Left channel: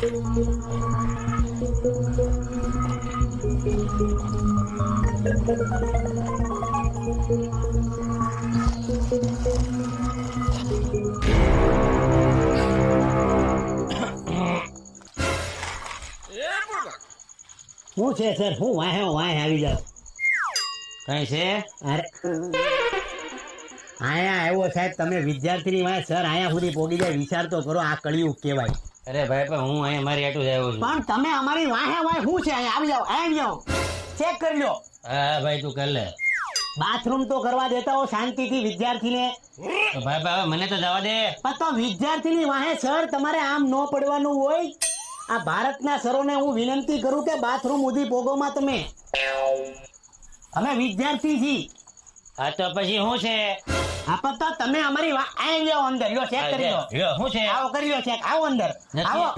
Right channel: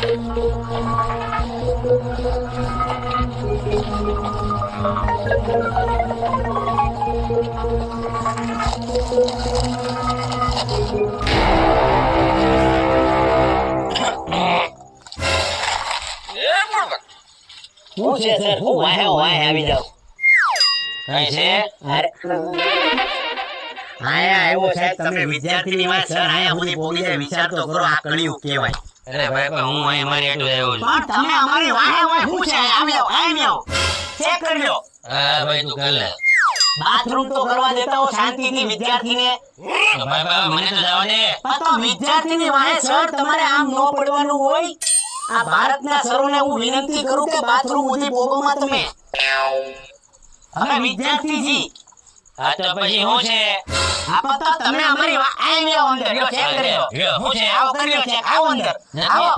હું છે સર હું વાહે આવી જાવ કઈ છે આયા આવ્યો સાહેબ તમે વિદ્યાર્થીની વાત સર આયા સુધી પોગી જાય વિચાર તો કરો આ કળિયુગ કહેવાય અરે ભાઈ પણ હું અહીં મારી એટલું જ આવ્યો છું પણ તમે અમારી વાહે શું છે આવી જાવ ચેક કરી લો હા ભાઈ તું કર લે બાથરૂમ તો કરવા દેતા હો શાંતિથી વિદ્યાર્થીને ભાઈ ભાઈ મને તો જવા દે પણ તો વિદ્યાર્થીની વાહે સર તમારે આમ ન પડવાનું હોય આ ભારતના સરોને હું વિનંતી કરું કે બાથરૂમ ઉધી પોગોમાં તમે અમે વિદ્યાર્થી છી હા તો પછી શું છે આ તો તમે અમારી આવી જાઓ અંદર ચેક કરી લો શું છે આવો કરી લો ચેક આવો અંદર આવો